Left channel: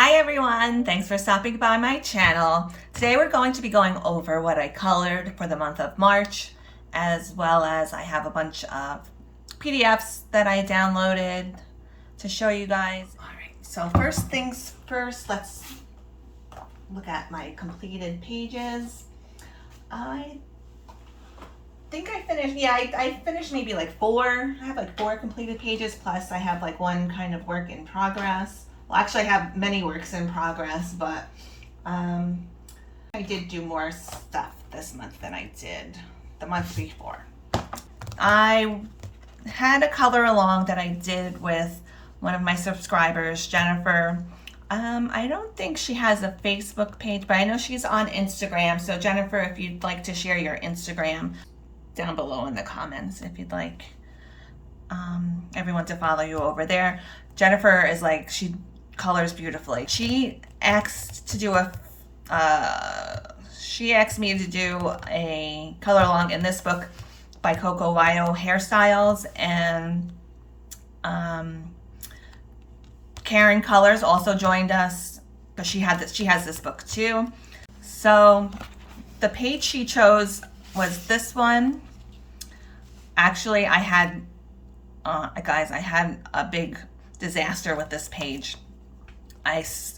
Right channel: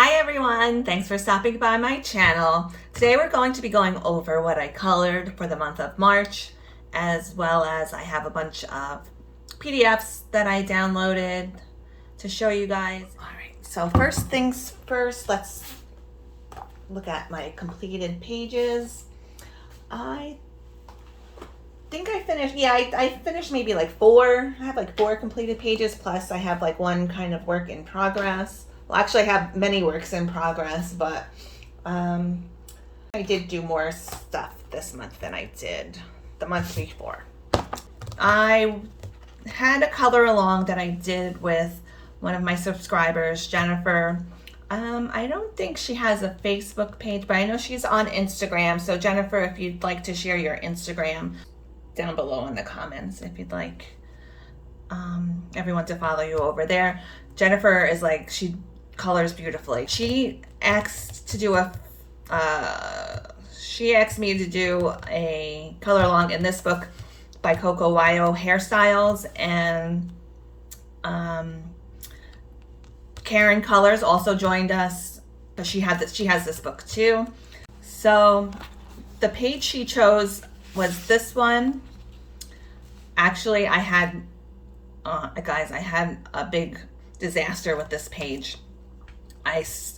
Hi everyone, thanks for stopping by my channel. Today we're going to be going over what I colored for the month of March, as well as I have a bunch of PDFs that I downloaded to show you guys. All right, so first things first, let's look at my completed pages. I think I finished, I finished maybe like 4. I have like 4 completed pages, plus I have like 1 kind of work in progress. Well, actually, I have many works in progress, but I did do more stuff this month than I did the month before. I had a color along that I did with one of my subscribers, Jennifer. I don't think she has a Facebook page, but I know she's on Instagram. So Jennifer, if you'd like to share your Instagram down below in the comments, if you'd like everyone to follow you over there. Jennifer is like, she colors beautifully. She asked to do she asked me to do a color along in this book by Coco Wyo Hairstyles, and Karen Colors also joined us, but she has this book too. So the page she chose was this one. Actually, I had guys, I had a big disaster with this page. This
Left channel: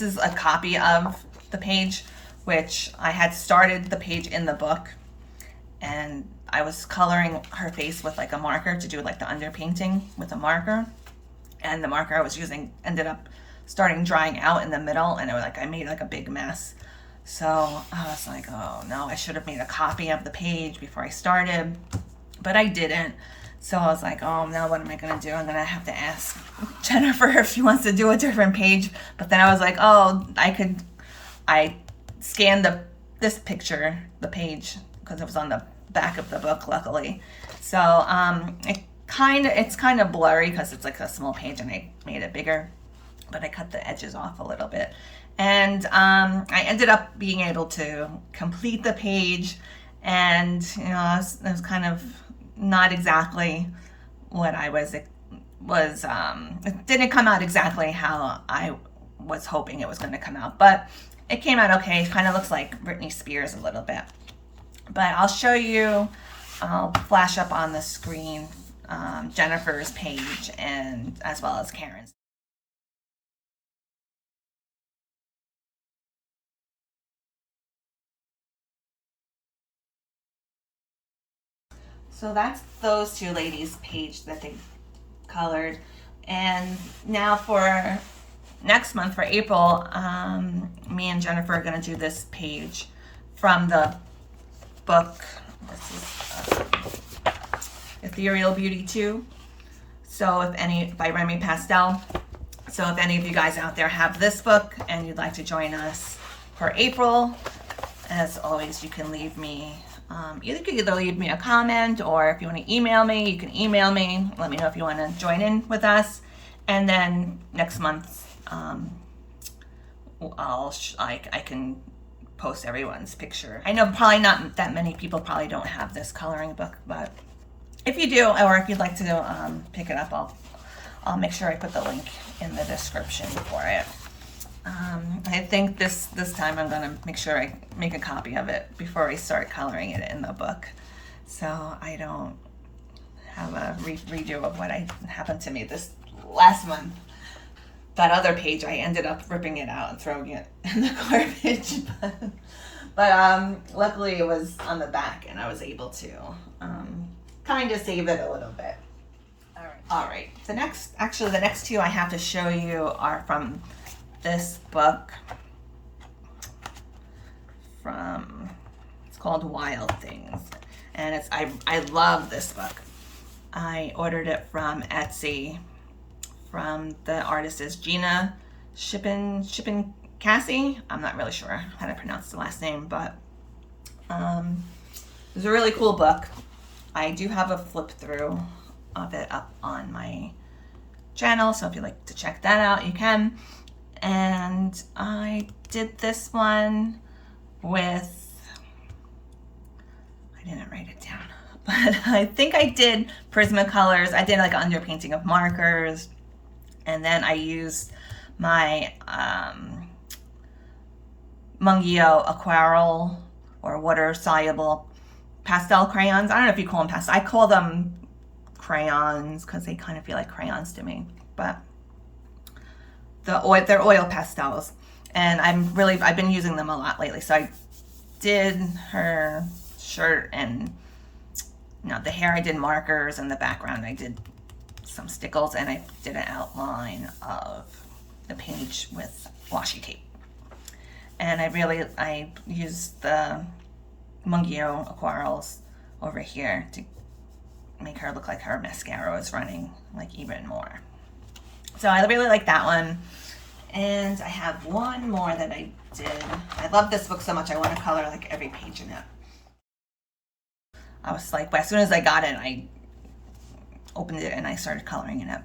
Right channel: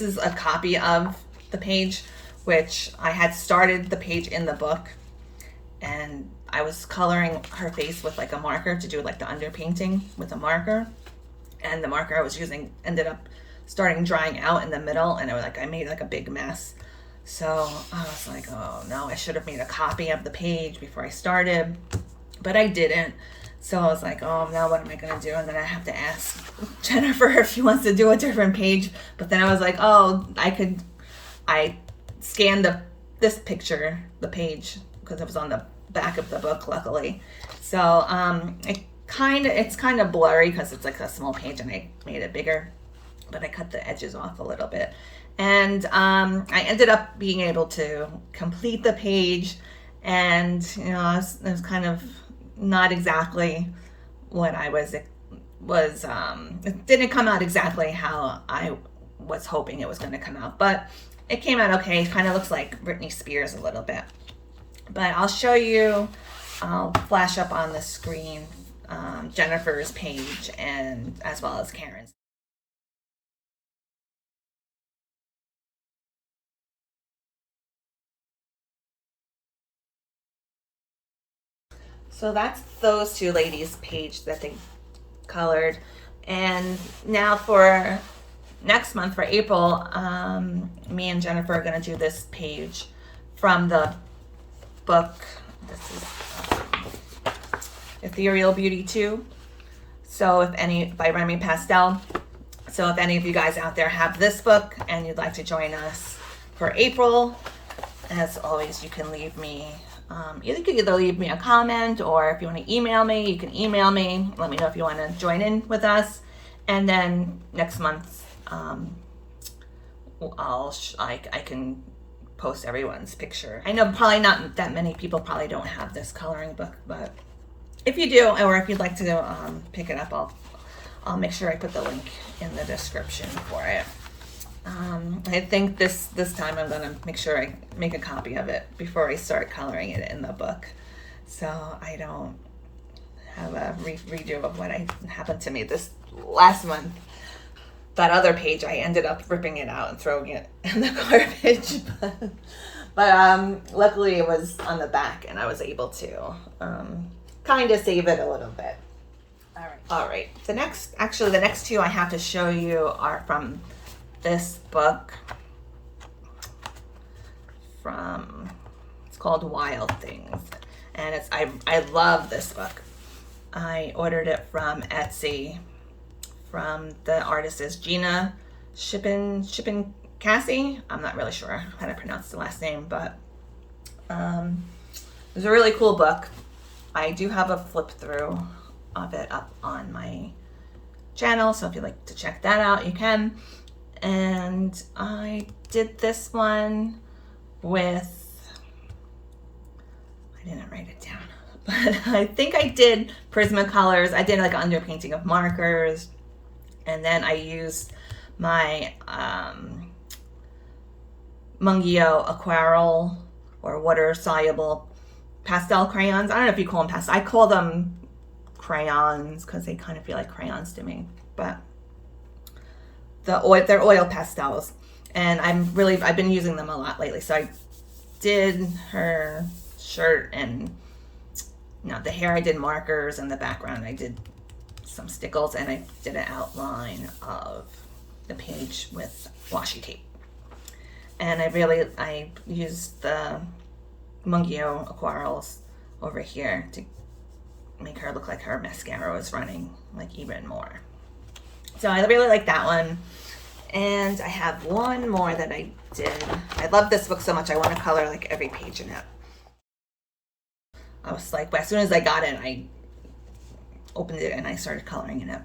is a copy of the page, which I had started the page in the book, and I was coloring her face with like a marker to do like the underpainting with a marker, and the marker I was using ended up starting drying out in the middle, and I made like a big mess. So I was like, oh no, I should have made a copy of the page before I started, but I didn't. So I was like, oh, now what am I going to do? And then I have to ask Jennifer if she wants to do a different page. But then I was like, oh, I scanned this picture, the page, because it was on the back of the book, luckily. So it's kind of blurry because it's like a small page and I made it bigger, but I cut the edges off a little bit. And I ended up being able to complete the page, and you know, it was kind of not exactly what I it didn't come out exactly how I was hoping it was going to come out, but it came out okay. It kind of looks like Britney Spears a little bit, but I'll show you, I'll flash up on the screen Jennifer's page, and as well as Karen's. So that's those 2 ladies' page that they colored. And now for next month, for April, me and Jennifer are going to do this page from the book. This is Ethereal Beauty 2. So by Remy Pastel. So if any of you guys out there have this book and you'd like to join us for April, as always, you can leave me you could either leave me a comment, or if you want to email me, you can email me. Let me know if you want to join in with us. And then next month, I can post everyone's picture. I know probably not that many people probably don't have this coloring book, but if you do, or if you'd like to pick it up, I'll make sure I put the link in the description for it. I think this time I'm gonna make sure I make a copy of it before I start coloring it in the book, so I don't have a redo of what happened to me this last month. That other page, I ended up ripping it out and throwing it in the garbage, but luckily it was on the back and I was able to kind of save it a little bit. All right. The next 2 I have to show you are from this book. It's called Wild Things, and I love this book. I ordered it from Etsy, from the artist is Gina Shippen Cassie. I'm not really sure how to pronounce the last name, but it's a really cool book. I do have a flip through of it up on my channel, so if you'd like to check that out, you can. And I did this one with, I didn't write it down, but I think I did Prismacolors. I did like underpainting of markers, and then I used my Mungyo Aquarel or water soluble pastel crayons. I don't know if you call them pastel. I call them crayons because they kind of feel like crayons to me, but they're oil pastels, and I've been using them a lot lately. So I did her shirt, and the hair I did markers, and the background I did some stickles, and I did an outline of the page with washi tape. And I used the Mungyo Aquarels over here to make her look like her mascara was running like even more. So I really like that one. And I have one more that I did. I love this book so much, I want to color like every page in it. I was like, as soon as I got it, I opened it and I started coloring in it.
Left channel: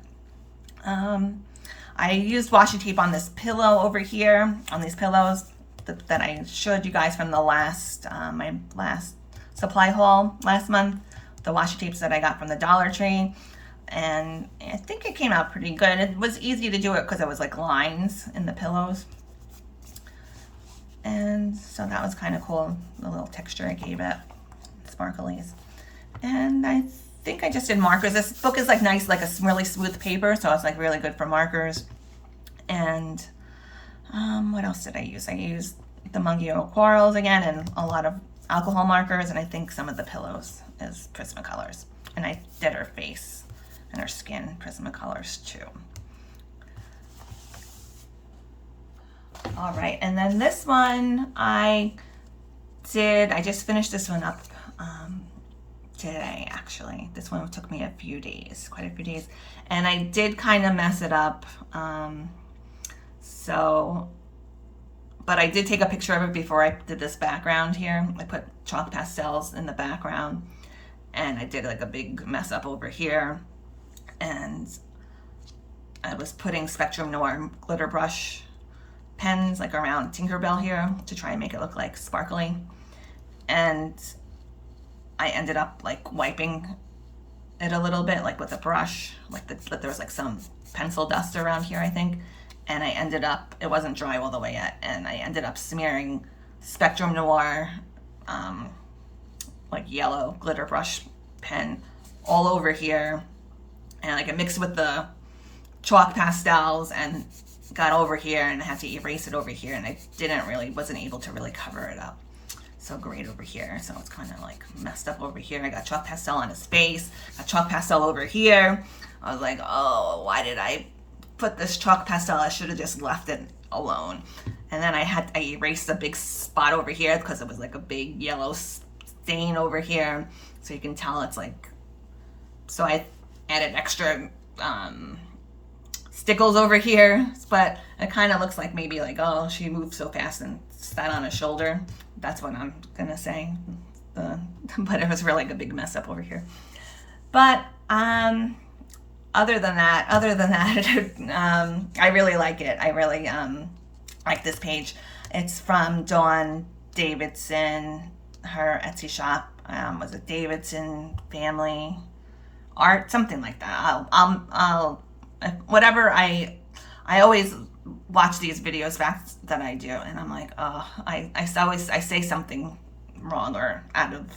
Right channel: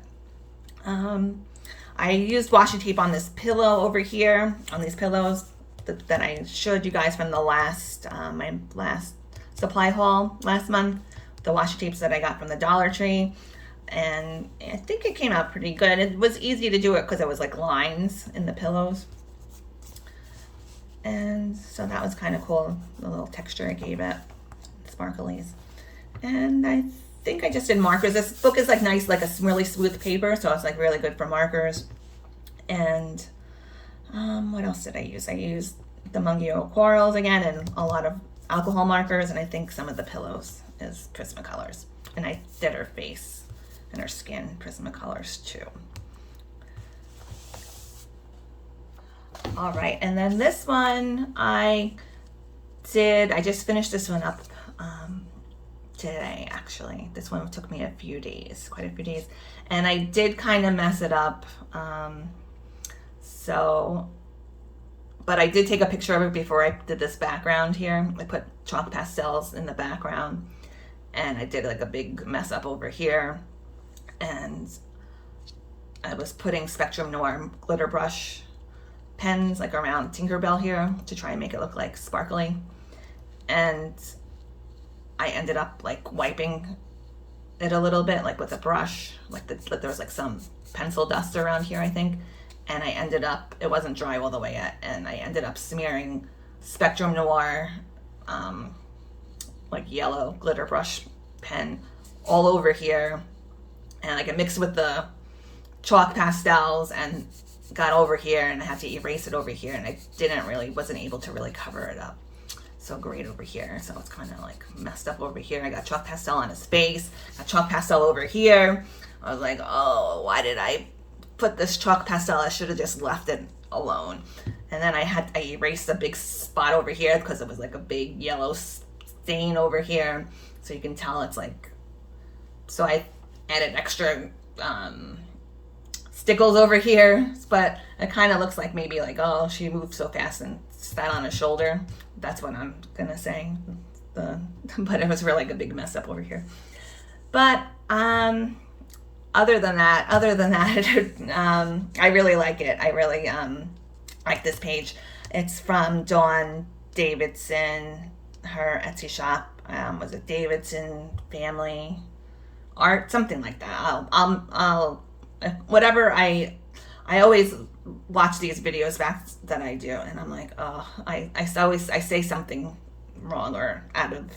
I used washi tape on this pillow over here, on these pillows that I showed you guys from the last, my last supply haul last month. The washi tapes that I got from the Dollar Tree. And I think it came out pretty good. It was easy to do it because it was like lines in the pillows. And so that was kind of cool, the little texture I gave it, sparklies. And I think I just did markers. This book is like nice, like a really smooth paper, so it's like really good for markers. And what else did I use? I used the Mungyo Aquarels again, and a lot of alcohol markers, and I think some of the pillows is Prismacolors. And I did her face and her skin Prismacolors too. All right, and then this one I just finished this one up today, actually. This one took me a few days, quite a few days, and I did kind of mess it up. But I did take a picture of it before I did this background here. I put chalk pastels in the background, and I did like a big mess up over here. And I was putting Spectrum Noir glitter brush pens like around Tinkerbell here to try and make it look like sparkly. And I ended up like wiping it a little bit, like with a brush, like there was like some pencil dust around here, I think. And I ended up, it wasn't dry all the way yet, and I ended up smearing Spectrum Noir, like yellow glitter brush pen all over here. And like I mixed with the chalk pastels and got over here, and I had to erase it over here, and I wasn't able to really cover it up so great over here. So it's kind of like messed up over here. I got chalk pastel on his face, got chalk pastel over here. I was like, oh, why did I put this chalk pastel? I should have just left it alone. And then I erased a big spot over here because it was like a big yellow stain over here. So you can tell it's like, so I added extra stickles over here, but it kind of looks like maybe like, oh, she moved so fast and sat on his shoulder. That's what I'm gonna say. But it was really like a big mess up over here. But other than that, I really like it. I really like this page. It's from Dawn Davidson, her Etsy shop. Was it Davidson Family Art, something like that. I'll whatever. I always watch these videos back that I do, and I'm like, oh, I say something wrong or out of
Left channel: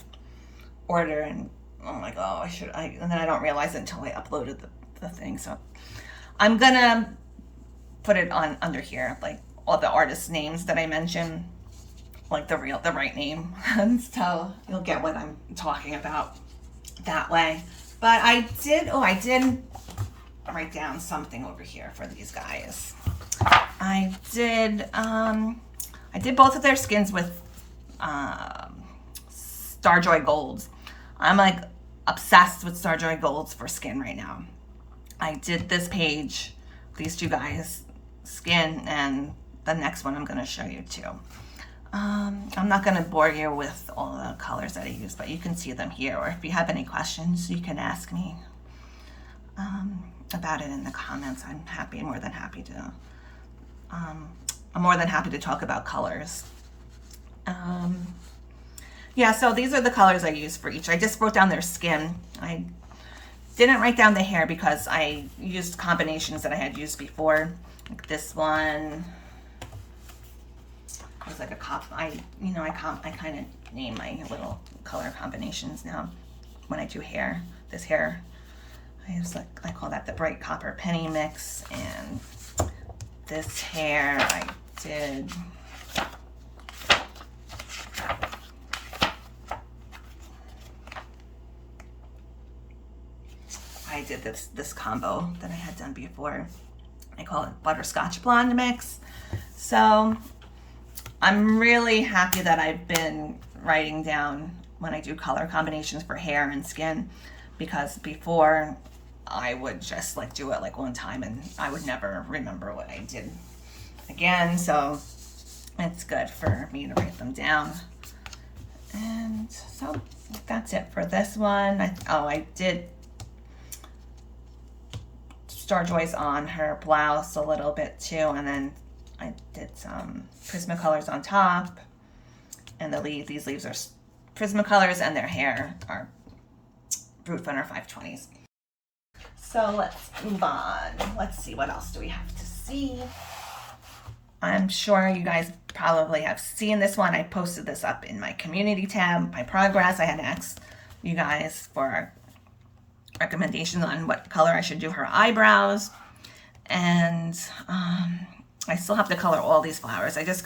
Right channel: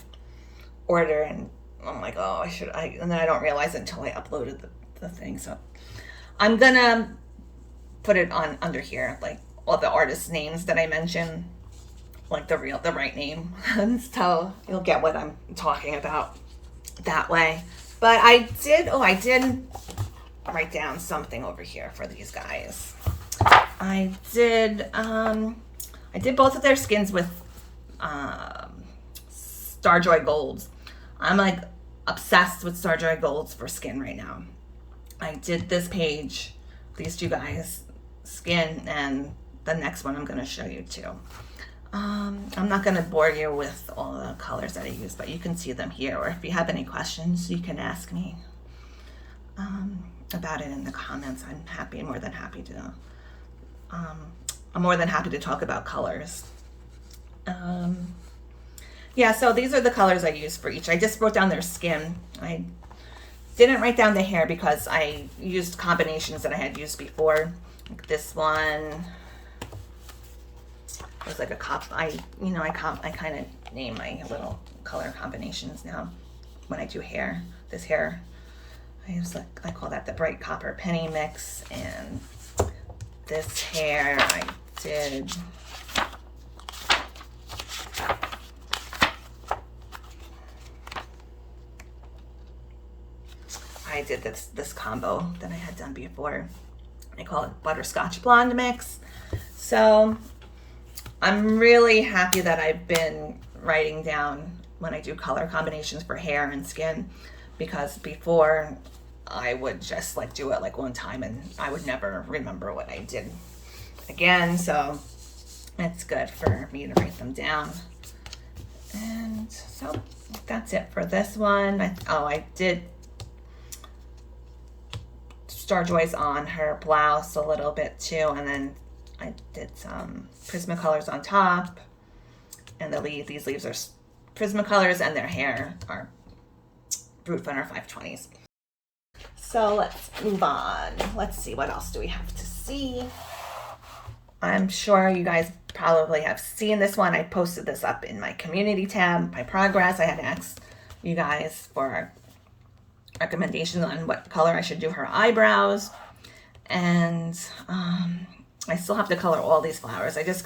order, and I'm like, oh, and then I don't realize it until I uploaded the thing. So I'm gonna put it on under here, like all the artists' names that I mentioned, like the right name, and so you'll get what I'm talking about that way. But I did write down something over here for these guys. I did both of their skins with Starjoy Golds. I'm like obsessed with Starjoy Golds for skin right now. I did this page, these two guys' skin, and the next one I'm going to show you too. I'm not going to bore you with all the colors that I use, but you can see them here, or if you have any questions, you can ask me about it in the comments. I'm more than happy to talk about colors. Yeah, so these are the colors I use for each. I just wrote down their skin. I didn't write down the hair because I used combinations that I had used before Like this one was like a I kind of name my little color combinations now when I do hair. This hair, I call that the bright copper penny mix, and this hair I did this combo that I had done before. I call it butterscotch blonde mix. So I'm really happy that I've been writing down when I do color combinations for hair and skin, because before I would just like do it like one time and I would never remember what I did again. So it's good for me to write them down. And so that's it for this one. I did Star Joys on her blouse a little bit too, and then I did some Prismacolors on top, and these leaves are Prismacolors, and their hair are Brute Funner 520s. So let's move on. Let's see, what else do we have to see? I'm sure you guys probably have seen this one. I posted this up in my community tab, my progress. I had asked you guys for recommendations on what color I should do her eyebrows. And I still have to color all these flowers. I just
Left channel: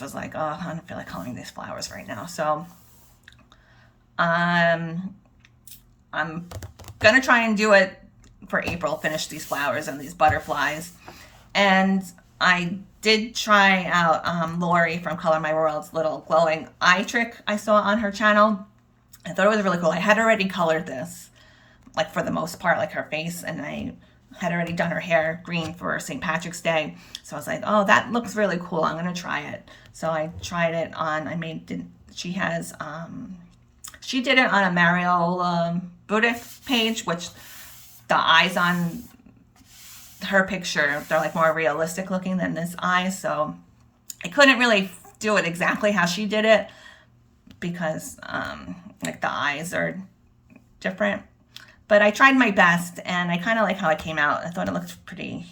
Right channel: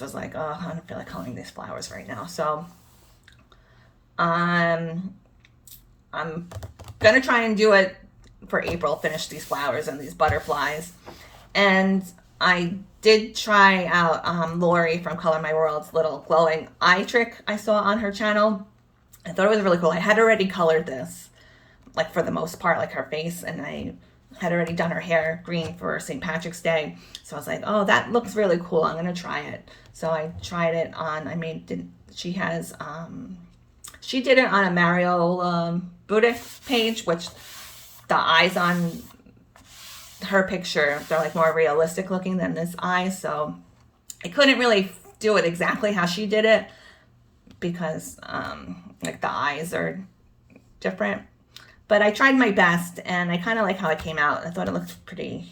was like, oh, I don't feel like coloring these flowers right now. So I'm gonna try and do it for April, finish these flowers and these butterflies. And I did try out Lori from Color My World's little glowing eye trick I saw on her channel. I thought it was really cool. I had already colored this, like for the most part, like her face, and I had already done her hair green for St. Patrick's Day. So I was like, oh, that looks really cool. I'm gonna try it. So I tried it on, she did it on a Mario Budick page, which the eyes on her picture, they're like more realistic looking than this eye. So I couldn't really do it exactly how she did it, because like the eyes are different, but I tried my best and I kind of like how it came out. I thought it looked pretty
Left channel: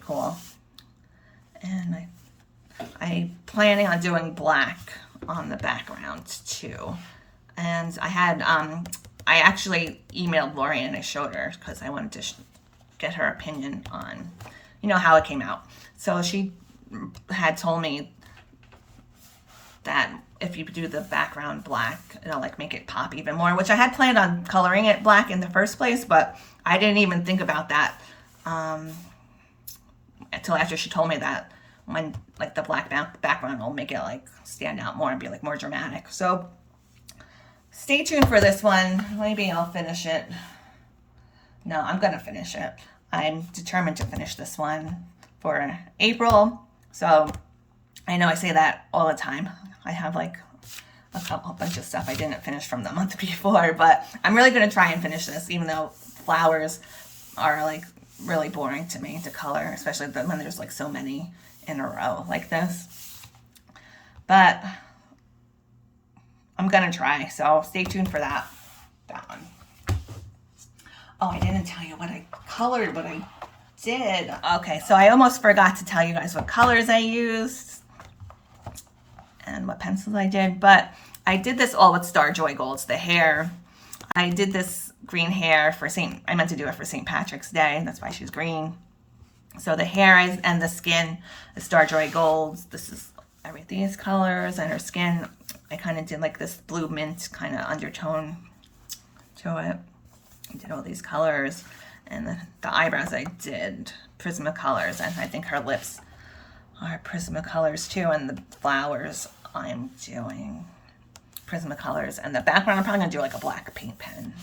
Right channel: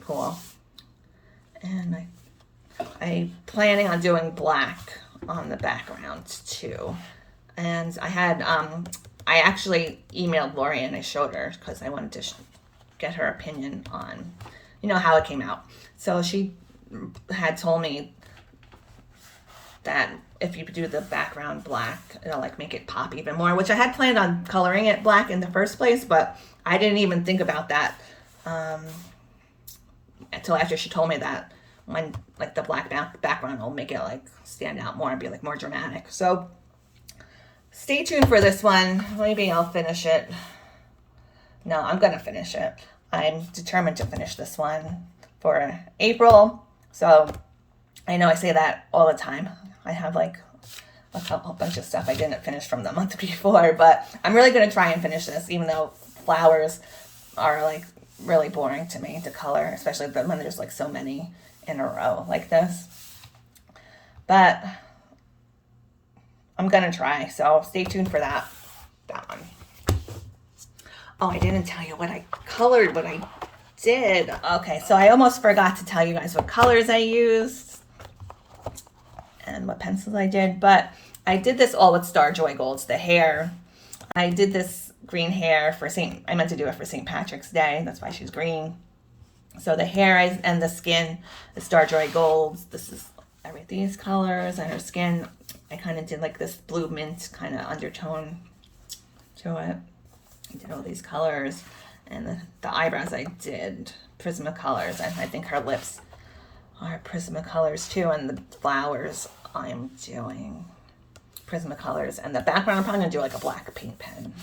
cool. And I planning on doing black on the background too. And I had I actually emailed Lori and I showed her, because I wanted to get her opinion on, how it came out. So she had told me that if you do the background black, it'll like make it pop even more, which I had planned on coloring it black in the first place, but I didn't even think about that until after she told me that, when like the black background will make it like stand out more and be like more dramatic. So stay tuned for this one. Maybe I'll finish it. No, I'm gonna finish it. I'm determined to finish this one for April. So I know I say that all the time. I have like a bunch of stuff I didn't finish from the month before, but I'm really gonna try and finish this, even though flowers are like really boring to me to color, especially when there's like so many in a row like this. But I'm gonna try, so stay tuned for that one. Oh, I didn't tell you what I colored, what I did. Okay, so I almost forgot to tell you guys what colors I used and what pencils I did, but I did this all with Star Joy Golds, the hair. I did this green hair for I meant to do it for St. Patrick's Day. That's why she's green. So the hair and the skin, the Star Joy Golds. This is these colors, and her skin, I kind of did like this blue mint kind of undertone to it. I did all these colors, and the eyebrows I did Prismacolors, and I think her lips are Prismacolors too, and the flowers I'm doing Prismacolors, and the background I'm probably gonna do like a black paint pen.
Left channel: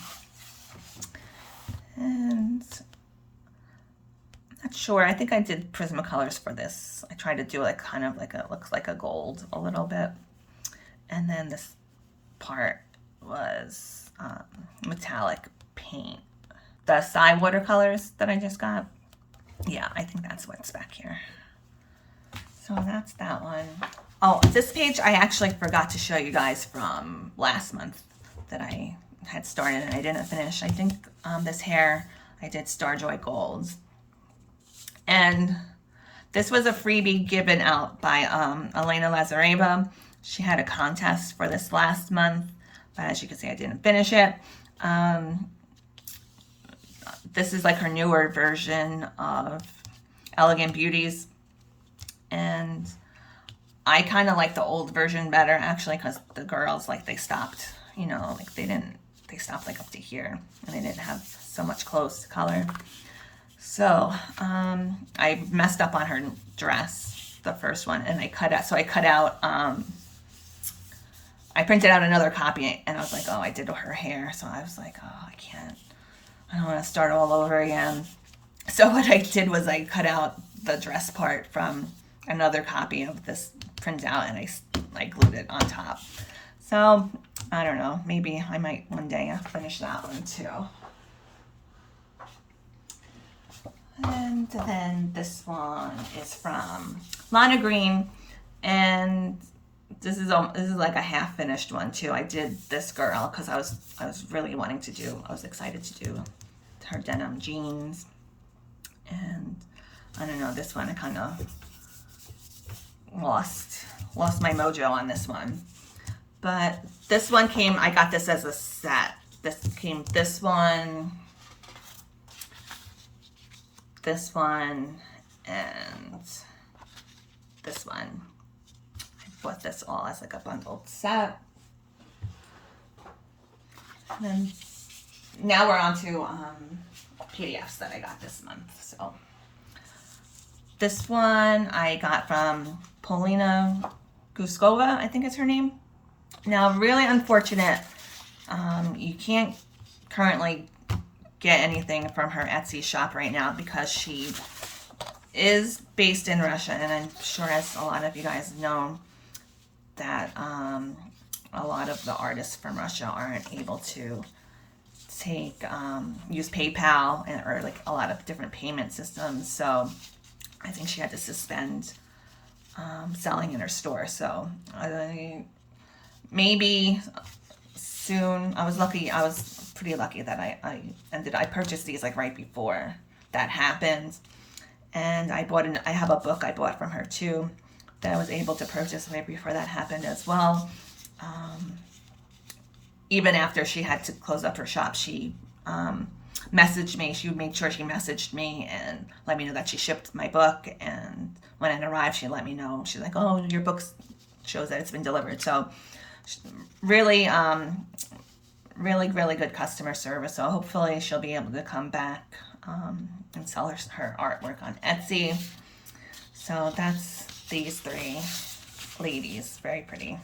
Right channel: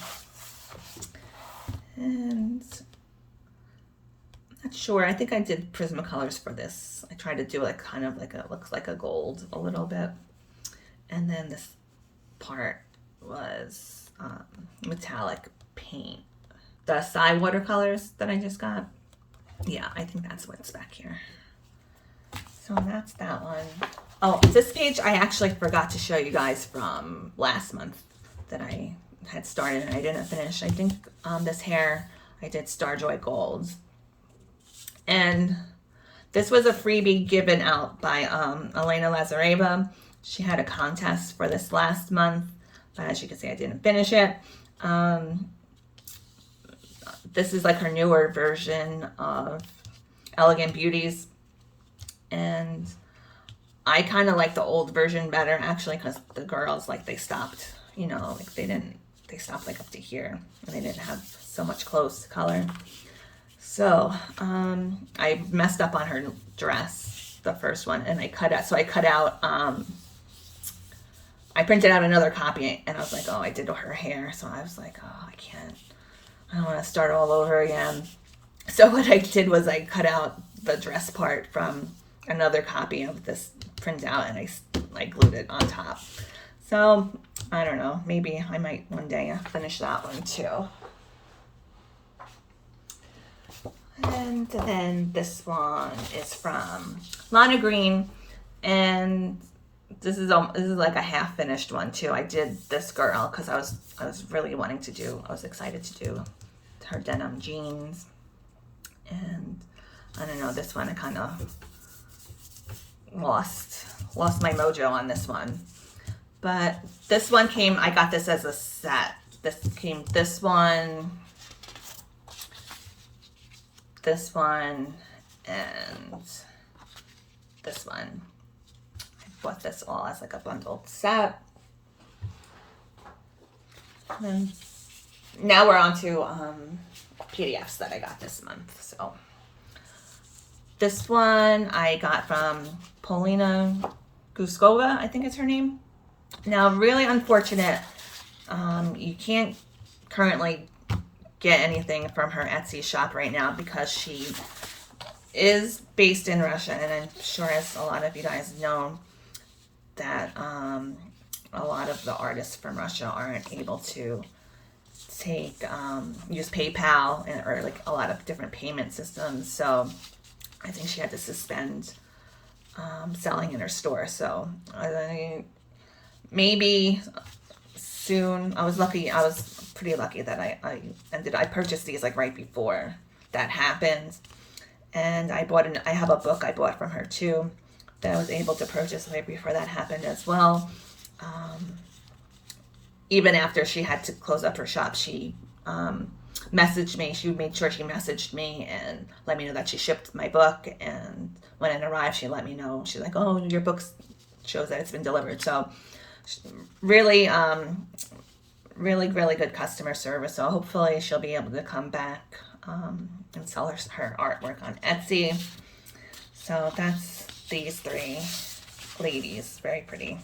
And I'm not sure, I think I did Prismacolors for this. I tried to do like kind of like looks like a gold a little bit, and then this part was metallic paint. The Psy watercolors that I just got, yeah, I think that's what's back here. So that's that one. Oh, this page I actually forgot to show you guys from last month that I had started and I didn't finish. I think this hair I did Star Joy Golds, And this was a freebie given out by Elena Lazareva. She had a contest for this last month, but as you can see, I didn't finish it. This is like her newer version of Elegant Beauties. And I kind of like the old version better, actually, because the girls, like, they stopped, you know, like they stopped like up to here, and they didn't have so much clothes to color. So I messed up on her dress, the first one, and I cut out, I printed out another copy, and I was like, oh, I did her hair. So I was like, oh, I don't want to start all over again. So what I did was I cut out the dress part from another copy of this printout, and I glued it on top. So I don't know, maybe I might one day finish that one too. And then this one is from Lana Green, and this is like a half finished one too. I did this girl because I was really wanting to do, I was excited to do her denim jeans. And I don't know, this one I kind of lost my mojo on this one. But this one came, I got this as a set. This came, this one, and this one. I bought this all as like a bundled set. And then now we're on to PDFs that I got this month. So this one I got from POLINA GUSKOVA, I think it's her name. Now, really unfortunate, you can't currently get anything from her Etsy shop right now because she is based in Russia, and I'm sure, as a lot of you guys know, that a lot of the artists from Russia aren't able to take use PayPal or like a lot of different payment systems. So I think she had to suspend selling in her store. So maybe soon. I was pretty lucky that I purchased these like right before that happened. And I have a book I bought from her too that I was able to purchase right before that happened as well. Even after she had to close up her shop, she messaged me. She made sure she messaged me and let me know that she shipped my book. And when it arrived, she let me know. She's like, oh, your book shows that it's been delivered. So really, really good customer service. So hopefully she'll be able to come back and sell her artwork on Etsy. So that's these three ladies. Very pretty.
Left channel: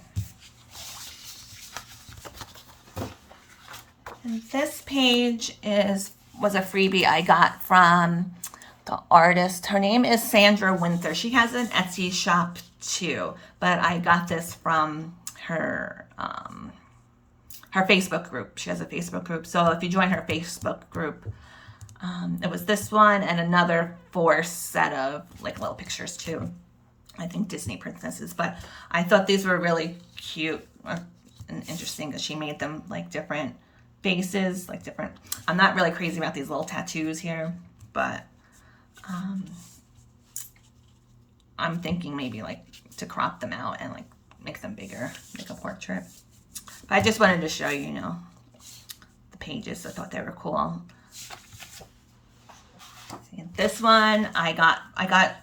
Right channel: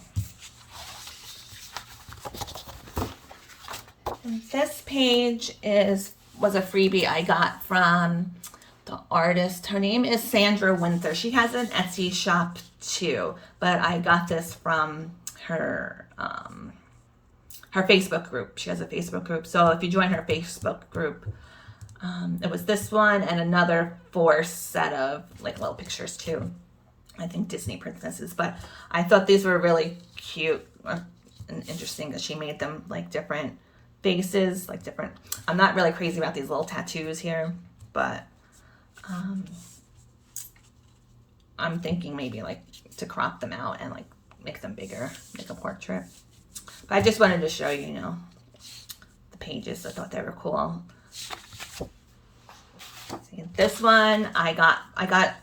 And this page was a freebie I got from the artist. Her name is Sandra Winther. She has an Etsy shop too, but I got this from her her Facebook group. She has a Facebook group. So if you join her Facebook group, it was this one and another 4 set of like little pictures too. I think Disney princesses, but I thought these were really cute and interesting that she made them like different faces, like different. I'm not really crazy about these little tattoos here, but I'm thinking maybe like to crop them out and like make them bigger, make a portrait. But I just wanted to show you, the pages. I thought they were cool. See, this one I got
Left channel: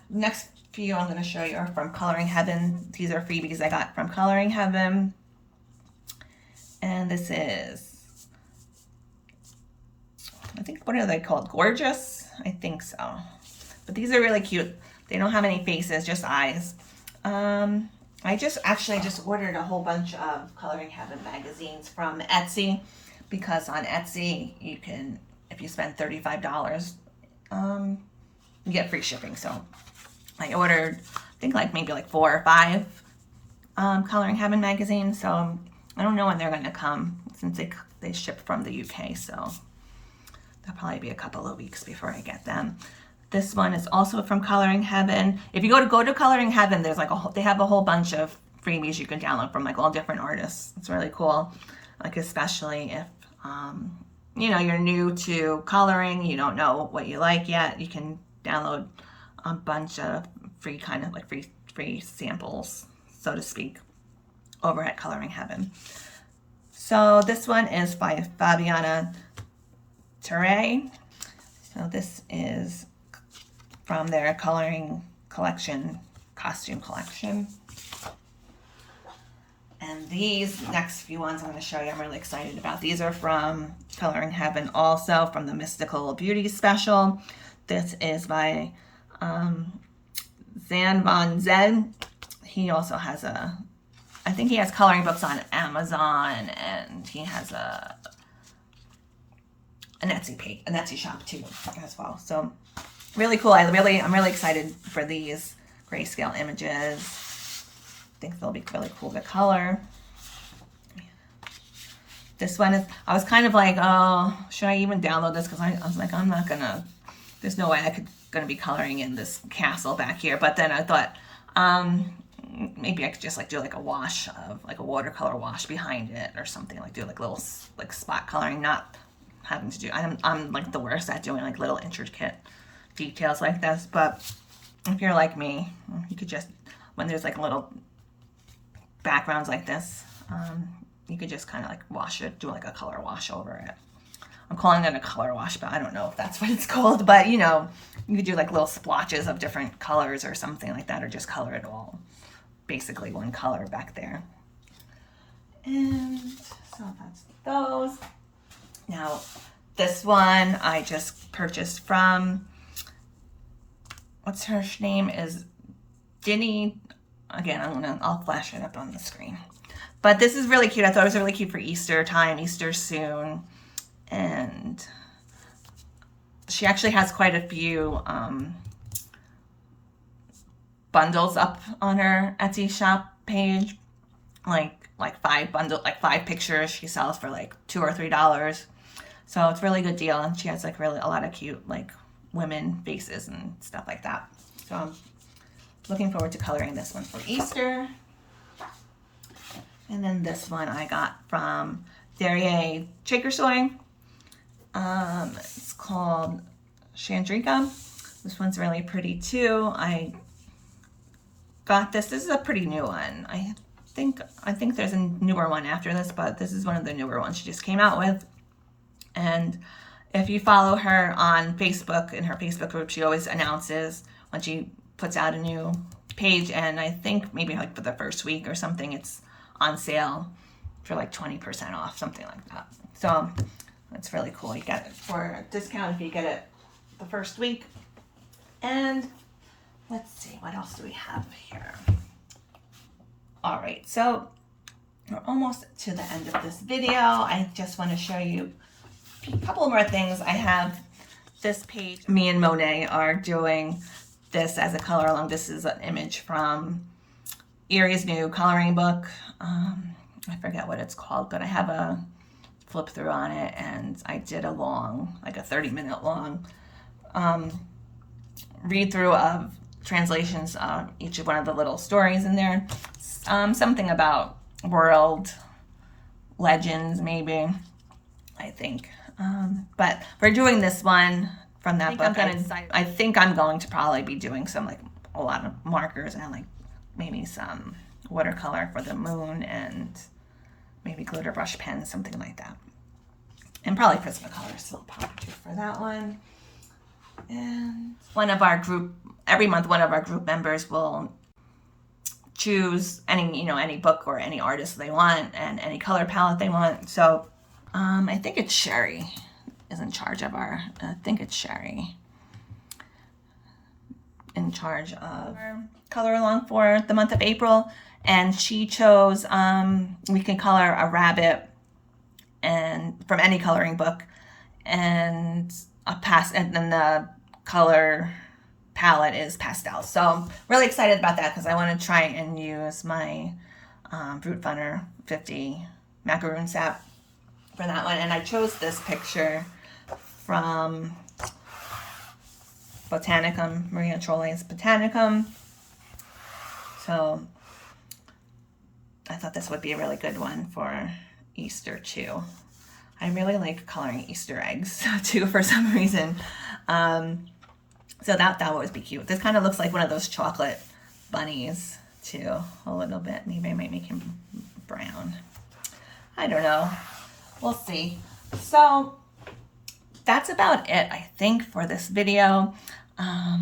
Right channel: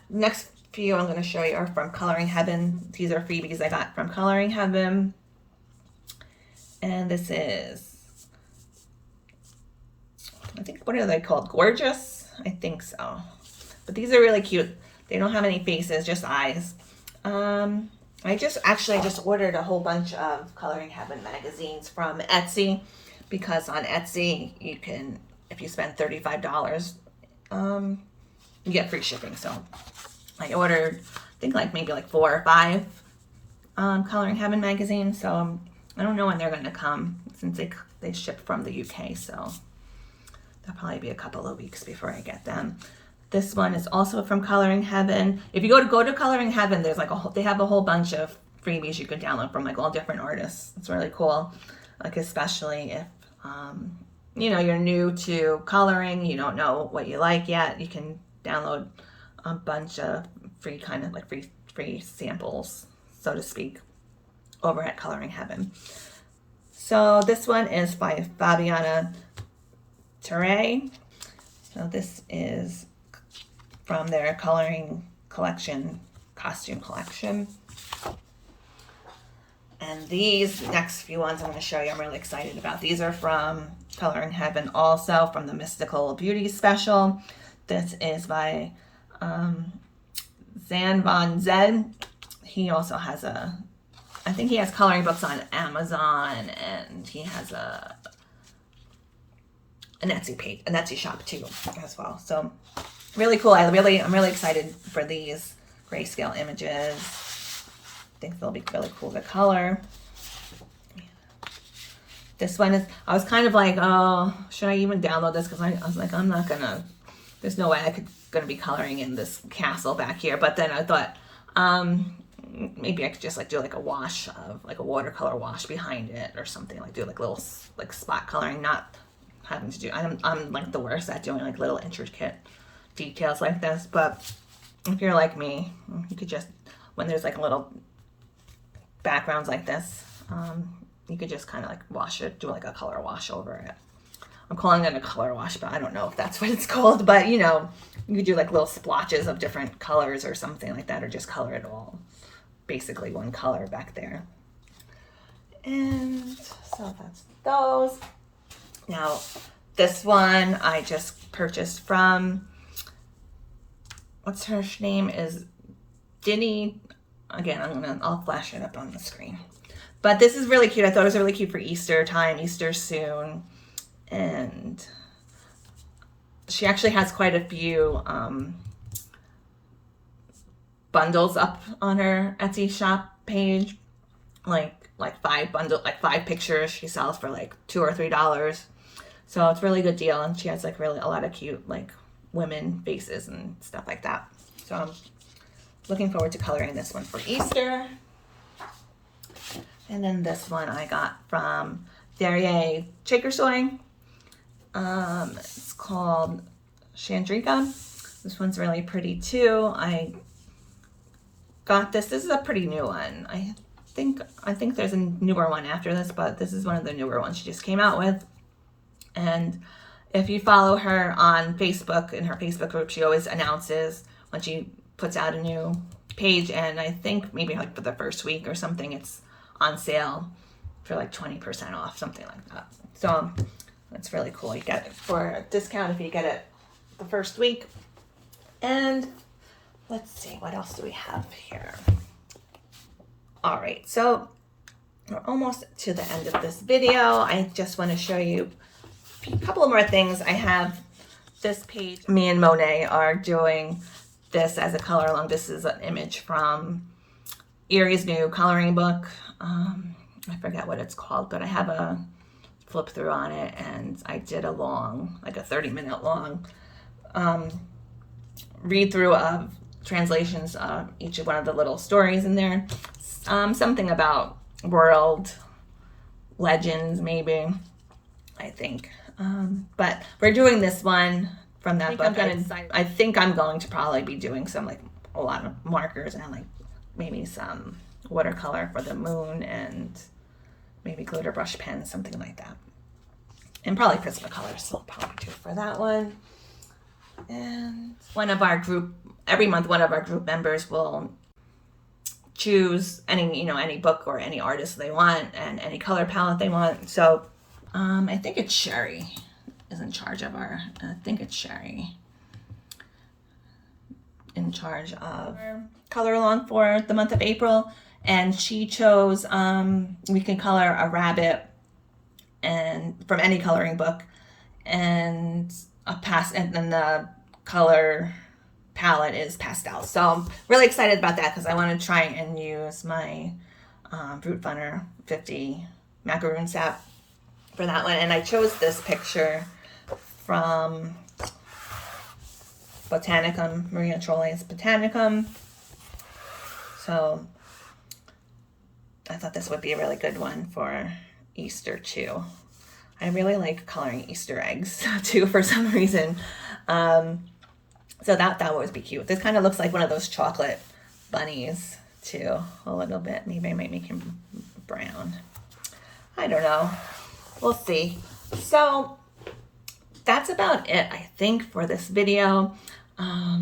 next few I'm going to show you are from Coloring Heaven. These are freebies I got from Coloring Heaven. And this is, I think, what are they called? Gorgeous? I think so. But these are really cute. They don't have any faces, just eyes. I just ordered a whole bunch of Coloring Heaven magazines from Etsy, because on Etsy you can, if you spend $35, you get free shipping. So I ordered, I think maybe 4 or 5 Coloring Heaven magazines. So I don't know when they're going to come, since they ship from the UK. So that'll probably be a couple of weeks before I get them. This one is also from Coloring Heaven. If you go to Coloring Heaven, there's they have a whole bunch of freebies you can download from all different artists. It's really cool. Especially if you're new to coloring, you don't know what you like yet, you can download a bunch of free kind of like free samples, so to speak, over at Coloring Heaven. So this one is by Fabiana Teray. So this is from their coloring collection, costume collection. And these next few ones I'm going to show you, I'm really excited about. These are from Coloring Heaven, also from the Mystical Beauty special. This is by Zan Von Zed. He also has I think he has coloring books on Amazon, and he has an Etsy page, an Etsy shop too as well. So really cool. I'm really excited for these grayscale images. I think they'll be really cool to color. This one is, I was kind of like, oh, should I even download this? Because I was like, I'm not gonna, there's no way gonna be coloring in this castle back here. But then I thought, maybe I could just like do like a wash of like a watercolor wash behind it or something, like do like little like spot coloring, not having to do, I'm like the worst at doing like little intricate details like this. But if you're like me, you could just, when there's like little backgrounds like this, you could just kind of like wash it, do like a color wash over it. I'm calling it a color wash, but I don't know if that's what it's called. But you know, you could do like little splotches of different colors or something like that, or just color it all basically one color back there. And so that's those. Now this one I just purchased from, what's her name, is DINNY. Again, I'll flash it up on the screen. But this is really cute. I thought it was really cute for Easter time, Easter soon. And she actually has quite a few bundles up on her Etsy shop page. Like 5 pictures she sells for like $2 or $3. So it's a really good deal. And she has like really a lot of cute like women faces and stuff like that. So I'm looking forward to coloring this one for Easter. And then this one I got from Derriere Chakersoy. It's called Chandrika. This one's really pretty too. I got this. This is a pretty new one. I think there's a newer one after this, but this is one of the newer ones she just came out with. And if you follow her on Facebook, in her Facebook group, she always announces when she puts out a new page, and I think maybe like for the first week or something, it's on sale for like 20% off, something like that. So that's really cool. You get it for a discount if you get it the first week. And let's see, what else do we have here? All right, so we're almost to the end of this video. I just want to show you a couple more things. I have this page. Me and Monet are doing this as a color along. This is an image from Erie's new coloring book. I forget what it's called, but I have a flip through on it, and I did a long, like a 30-minute long read through of translations of each of one of the little stories in there. Something about world legends, maybe, I think. But we're doing this one from that book. I think I'm going to probably be doing some, like, a lot of markers and like maybe some watercolor for the moon and maybe glitter brush pens, something like that. And probably Prismacolor, so I'll probably do for that one. And one of our group, every month, one of our group members will choose any book or any artist they want and any color palette they want. So I think it's Sherry is in charge of our, in charge of our color along for the month of April. And she chose, we can color a rabbit and from any coloring book, and and then the color palette is pastel. So I'm really excited about that because I want to try and use my Brute Funner 50 macaroon sap for that one. And I chose this picture from Botanicum, Maria Trolle's Botanicum. So I thought this would be a really good one for Easter too. I really like coloring Easter eggs too for some reason. So that would always be cute. This kind of looks like one of those chocolate bunnies too, a little bit. Maybe I might make him brown. I don't know. We'll see. So that's about it, I think, for this video. I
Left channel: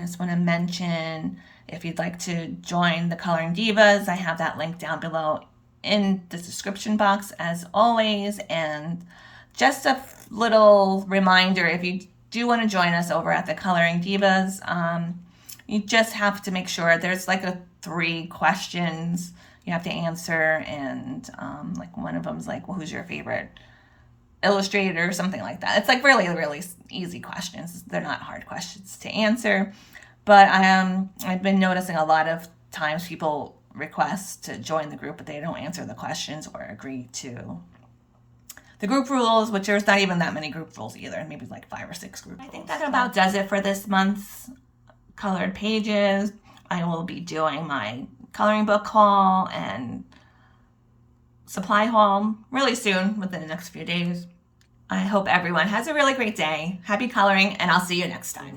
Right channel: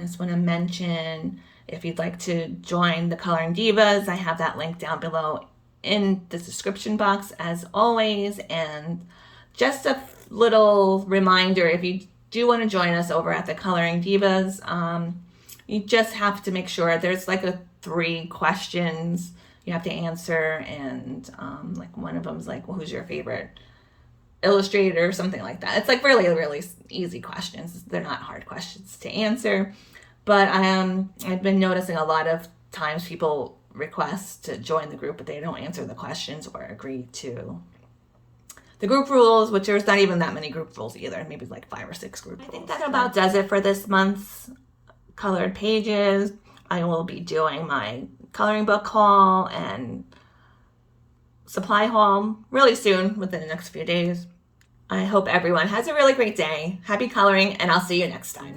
just want to mention, if you'd like to join the Coloring Divas, I have that link down below in the description box as always. And just a little reminder, if you do want to join us over at the Coloring Divas, you just have to make sure there's like 3 questions you have to answer, and like one of them's like, well, who's your favorite illustrator or something like that. It's like really, really easy questions. They're not hard questions to answer. But I've been noticing a lot of times people request to join the group, but they don't answer the questions or agree to the group rules, which there's not even that many group rules either. Maybe like 5 or 6 group rules. I think that about does it for this month's colored pages. I will be doing my coloring book haul and supply haul really soon, within the next few days. I hope everyone has a really great day. Happy coloring, and I'll see you next time.